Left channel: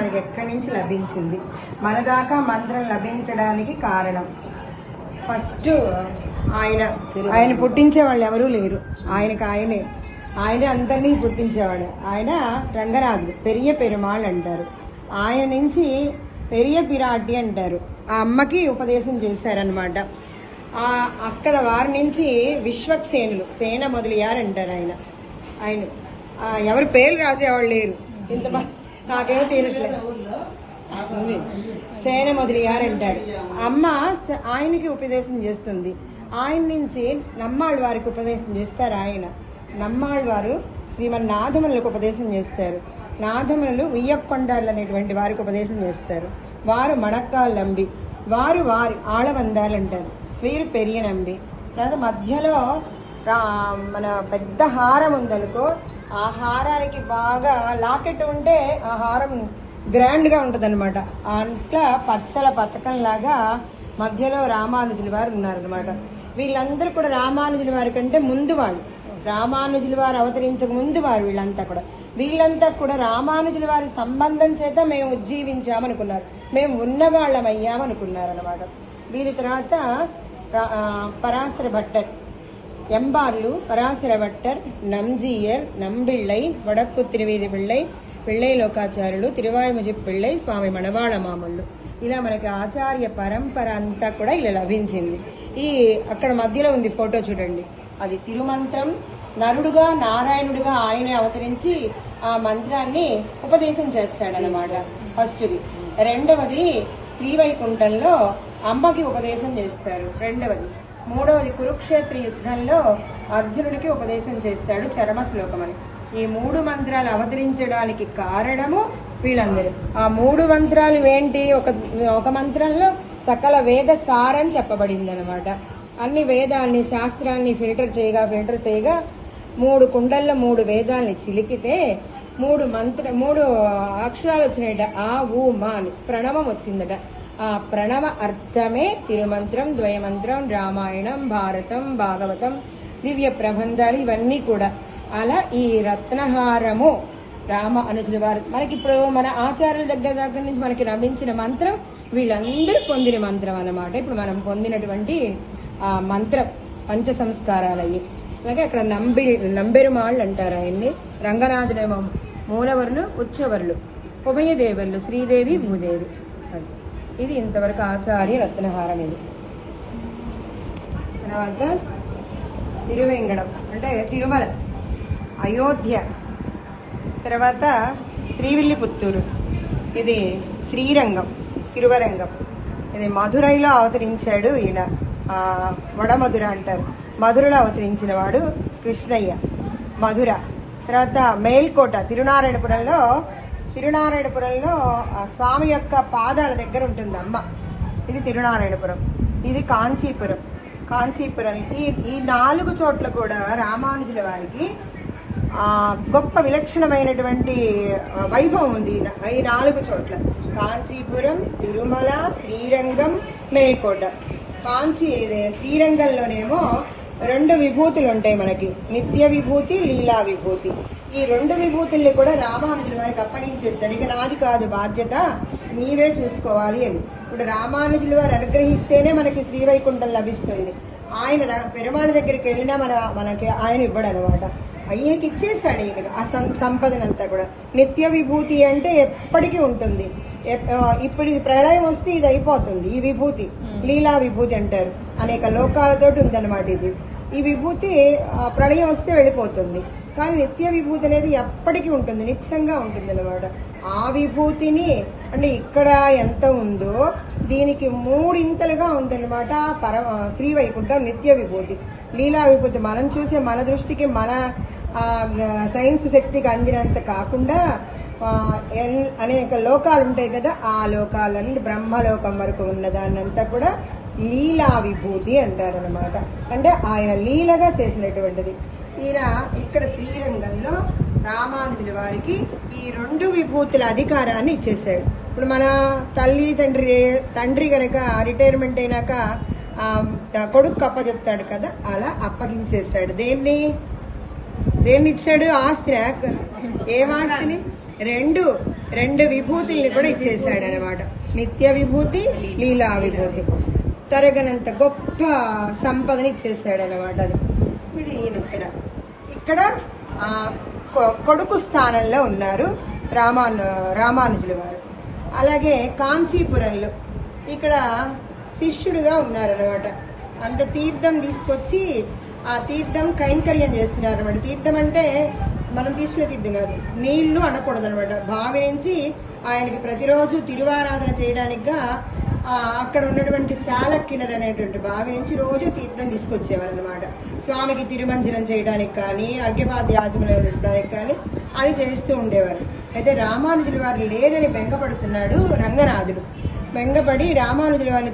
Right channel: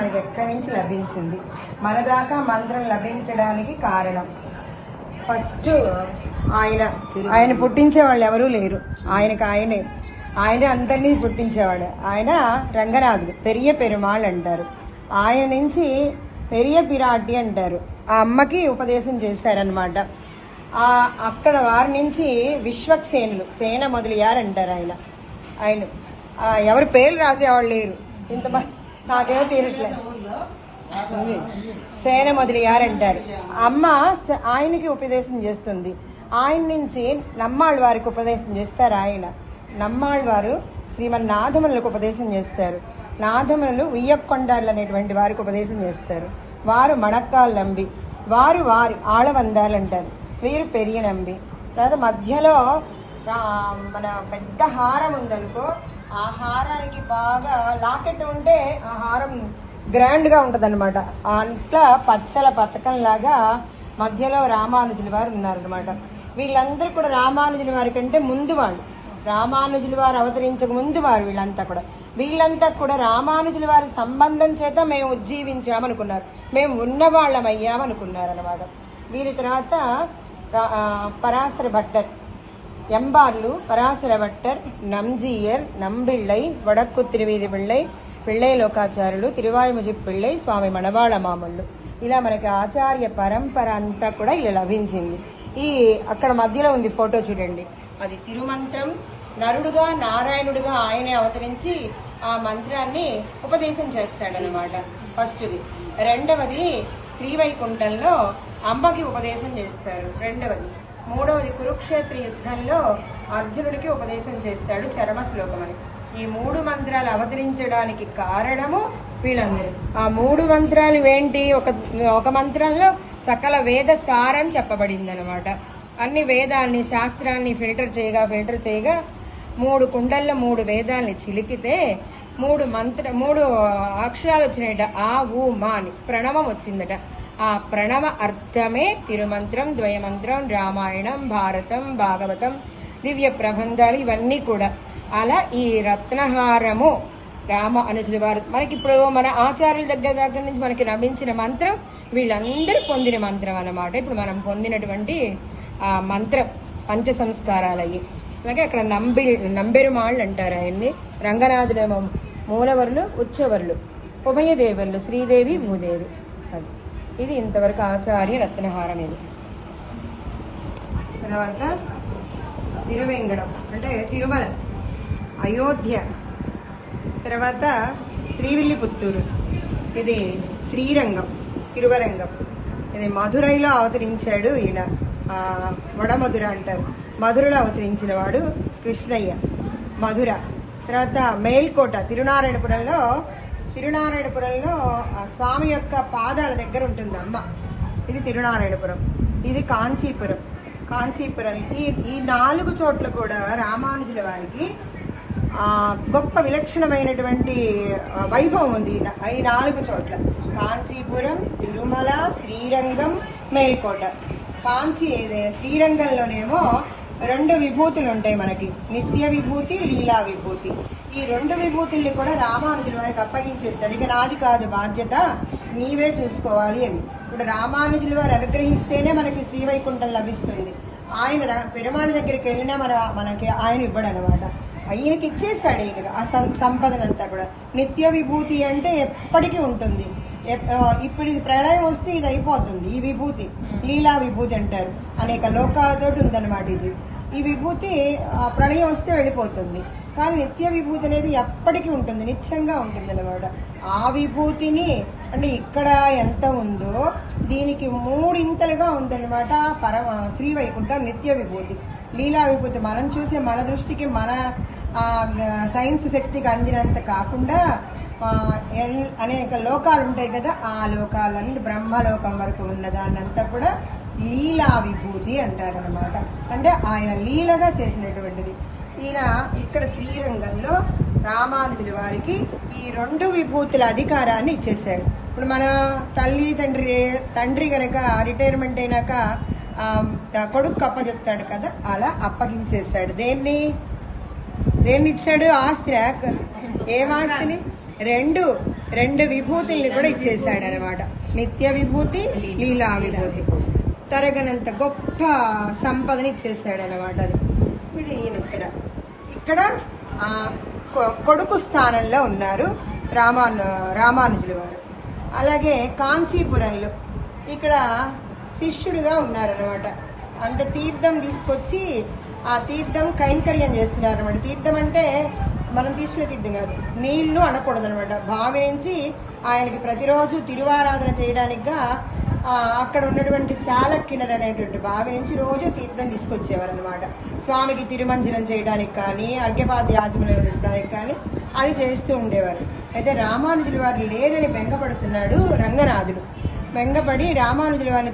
మనకి ఎక్కడి నుంచి లభించింది, మన దాకా మంత్రం లభించడానికి కారణం ఫస్ట్ ఆయన పుట్టించే వాళ్ళు ఎవరూ లేరు, ఆయనే అందరినీ పుట్టించేవాడు. ఆయన రంగనాథుడు, పెరియ పెరుమాళ్ అంటారు. ఆయన నుంచి పెరియ పిరాటి అంటారు. ఆ అమ్మకి ఉపదేశం చేశారనమాట. అక్కడ వారి నుంచి విశ్వక్సేనులు, సేన మొదలయ్యారంటారు. ఆయన ఎవరు పేర్లు రాసేవాళ్ళు లేరు, ఇంతమంది నాకేమో తీరట్లేదు. సేన మొదలయ్యారంటారు. అమ్మ ఆయనకి ఉపదేశం చేస్తుంది. ఆయన నుంచి నమ్మాళ్ళ వారికి ఉపదేశం చేస్తారు. ఆయన నమ్మాళ్ళ వారు శ్రీమన్నాథములకు ఉపదేశం చేస్తారు. నాథములు ఉయ్యకొండాలు అనేటువంటి వారికి ఉపదేశం చేస్తారు. వారు మణక్కాలు నంబి, వారు ఆళవందాలంటారు. వీరు పెరియ నంబి. తర్వాత మధ్యలో మన పెద్ద హారం ఉందనుకో, ఆ హారానికి బాగా లాకెట్ ఉంటే ఆ హారం గ్రాండ్ గా ఉంటది అనమాట. అట్లా పచ్చల పథకం లాగా మధ్యలో రామానుజుల వారు ఉన్నారనమాట. వీళ్ళందరూ కూడా రామానుజుల వారి కంటే ముందు వాళ్ళు, రామానుజుల వారు అవతరించక ముందు వారు. వీళ్ళంతా కూడా రామానుజుల వారి సంబంధం చేత మేము ఉజ్జీవించామనుకున్నారు, మేము ఉన్నవాళ్ళమయ్యామనుకున్నారు అనమాట. వీరి తర్వాత పరాశర భట్టర్, ఎంబార్లు, పరాశర భట్టర్, నంజీయర్, నంబిళ్ళై, వడక్కు తిరువీధి పిళ్ళై, పిళ్ళై లోకాచార్యులు, తిరువాయుముజి పిళ్ళై, స్వామి మణవాళ మామళ్ళు. ఇలా మనకి ఆచార్య పరంపర అంతా కూడా ఇలా లభించింది. అక్కడ మధ్యలో ఉంది ఫోటో చూడండి, అది తిరుమంత్రం. నరుడుగా నారాయణుడిగా ఆయనే అవతరించి ఆ మంత్రాన్ని ఉపదేశం చేస్తాడనమాట. ఫస్ట్ది. రెండవది శ్రీవైకుంఠంలో అమ్మకి ఉపదేశం చేస్తారు. రెండవది. మూడవది కురుక్షేత్ర యుద్ధంలో అర్జునుడికి ఉపదేశం చేస్తాడు చరమ శ్లోకం అని. ఈ 3 మంత్రాలు అవతరించడానికి కారణము వీళ్ళందరూ. ఆ 3 మంత్రాలు ఏంటి? ఒక మంత్రంలో సకల వేద సారం చెప్పబడింది అనమాట. అన్ని వేదాన్ని, శాస్త్రాన్ని ఫిల్టర్ చేయగా 3 కుండల్లో 3 వేదాల్ని చిలికితే 3 అక్షరాలు వచ్చినాయట. ఆ ఊ మా అని ప్రణవం వచ్చిందట. ఆ ప్రణవ అర్థమే తిరుమంత్రం, ద్వయమంత్రం, రామాయణం, భారతం, భాగవతం, దివ్య ప్రబంధాలు ఇవన్నీ కూడా. అలా ఈ రత్నహారము రామానుజుల వారు మనకి ఇప్పుడు మన ఆచార్యుల దగ్గర నుంచి మనకి లభించిన మంత్రం వీళ్ళందరూ పొందిన మంత్రం అన్నమాట. ఇప్పుడు మనం పొందినటువంటి ఆ మంత్రం పంచ సంస్కారాలు అయ్యి. అలాగే అక్కడ నంబెరుమాళ్ళు అంటారు ఆయన్ని. రంగనాథుడేమో మూలవర్లు, ఉచ్చవర్లు, ఉభయదేవర్లు, శ్రీదేవి, భూదేవి. ఇది ఇంతవరకు ఆచార్య రత్నహారం. ఇది తర్వాత తిరువేంగడం అంటే తిరుమల, అయోధ్య, తర్వాత శ్రీవిల్లిపుత్తూరు, ఇది శ్రీరంగం, తిరువరంగం. ఇది మధురైలో అవతరించాడు ఈయన, వడమధుర అంటారు. మధురలో అవతరించిన వాడు కృష్ణయ్య, మధుర. తర్వాత మేల్కోట, తిరునారాయణపురంలో స్వామి యొక్క పాదాల దగ్గర ఉంటుంది అమ్మ. ఇది తిరునారాయణపురం. ఇది కాంచీపురం. ఈ 4 చోట్ల కూడా రామానుజుల వారికి గొప్ప విలక్షణమైనటువంటి వైభవం ఉంది. ఈ 4 చోట్ల కాంచీపురం, తిరుమల, శ్రీరంగం, మేల్కోట. శ్రీరంగంలోనేమో 2 విభూతులు ఉంటాయి మనకి, నిత్య విభూతి, లీలా విభూతి. ఈ 2 విభూతుల్ని కూడా రామానుజుల వారికి అప్పగించేస్తాడు. ఇక నాది కాదు బాధ్యత, నీవే చూసుకోవాలి అని. ఇప్పుడు రామానుజుల వారు అనుగ్రహిస్తేనే మనకి శ్రీవైకుంఠం లభిస్తుంది. ఆయన పెరుమాళ దగ్గరికి వెళ్ళినా మనకి ఆయన ఇవ్వడు అనమాట. ఈయనకి ఇచ్చేస్తాడు. ఈయనకి ఆ సంపదనంతా కూడా. నిత్య విభూతి అంటే ఎప్పటికీ ఉంటుంది. ఇప్పుడు ఇది ప్రళయం వస్తే ఇది అయిపోతుంది. ఈ విభూతి లీలా విభూతి అంటారు. అనేక లోకాలతోటి ఉందన్నమాట. ఈ విభూతి ప్రళయం వస్తే వెళ్ళిపోతుంది. కానీ నిత్య విభూతి అనేది ఎప్పటికీ ఉంటుంది, నిత్యంగా ఉంటుంది అన్నమాట. ఆ విభూతిని అంటే ఇక్కడ ఎంత ఉందో దీనికి 3 ఇంతలుగా ఉందన్నమాట. శ్రీవైకుంఠం నిత్య విభూతి. లీలా విభూతి మనం చూసే మన దృష్టికి మన సైన్స్ శక్తికి అందినంత కాకుండా అనేక లోకాలు ఉంటాయి కదా, ఆ లోకాలన్నీ బ్రహ్మలోకం వరకు ఉన్నదాన్నంతా కూడా లీలా విభూతి అంటారనమాట. అంటే ఆయన లీలగా చేసినటువంటిది. ఈయన ఇక్కడ శ్రీరంగంలో రామానుజుల వారికి ఈ 2 విభూతుల అధికారాన్ని ఇచ్చేసాడు. ఇప్పుడు మన తండ్రి కనుక రిటైర్మెంట్ అయినాక కొడుకు అప్పచెప్తాడు కదా, అలా అప్పగించేస్తాడు. దేన్ని ఇచ్చాడు? ఆస్తి. ఏం ఆస్తిని? 2 2 విభూతుల్ని కూడా ఇచ్చేసాడు అనమాట. నిత్య విభూతి, లీలా విభూతి, తరగనంత గొప్ప సంపదని ఇచ్చేసాడు అనమాట. అది ఇది ఇక్కడ కొడుకు స్థానంలో ఉన్నారు రామానుజుల వారు. అలాగే కాంచీపురంలో ఇక్కడ శిష్యుడిగా ఉన్నారనమాట. అంటే తీర్థం తీసుకొచ్చి ఆ తీర్థం కైంకర్యం చేస్తున్నారు అనమాట. తీర్థం అంటే మనం తీసుకునే తీర్థం కాదు, నీళ్లు అనకూడదు అనమాట. బావి నుంచి ఆయనకి ప్రతిరోజు తిరువారాధన చేయడానికిగా అక్కడ ఉన్నటువంటి శాలక్కిణర్ అనేటువంటి బావి నుంచి రోజు తీర్థం తీసుకొచ్చేవారు అనమాట. స్వామికి తిరుమంజనం చేయడానికి కానీ, అర్ఘ్యపాద్యాజములు ఇవ్వడానికి కానీ అది చేస్తూ ఉండేవారు. అయితే రామానుజుల వారు లేదని బెంగపడుతున్నాడు రంగనాథుడు. బెంగపడి రామానుజుల వారిని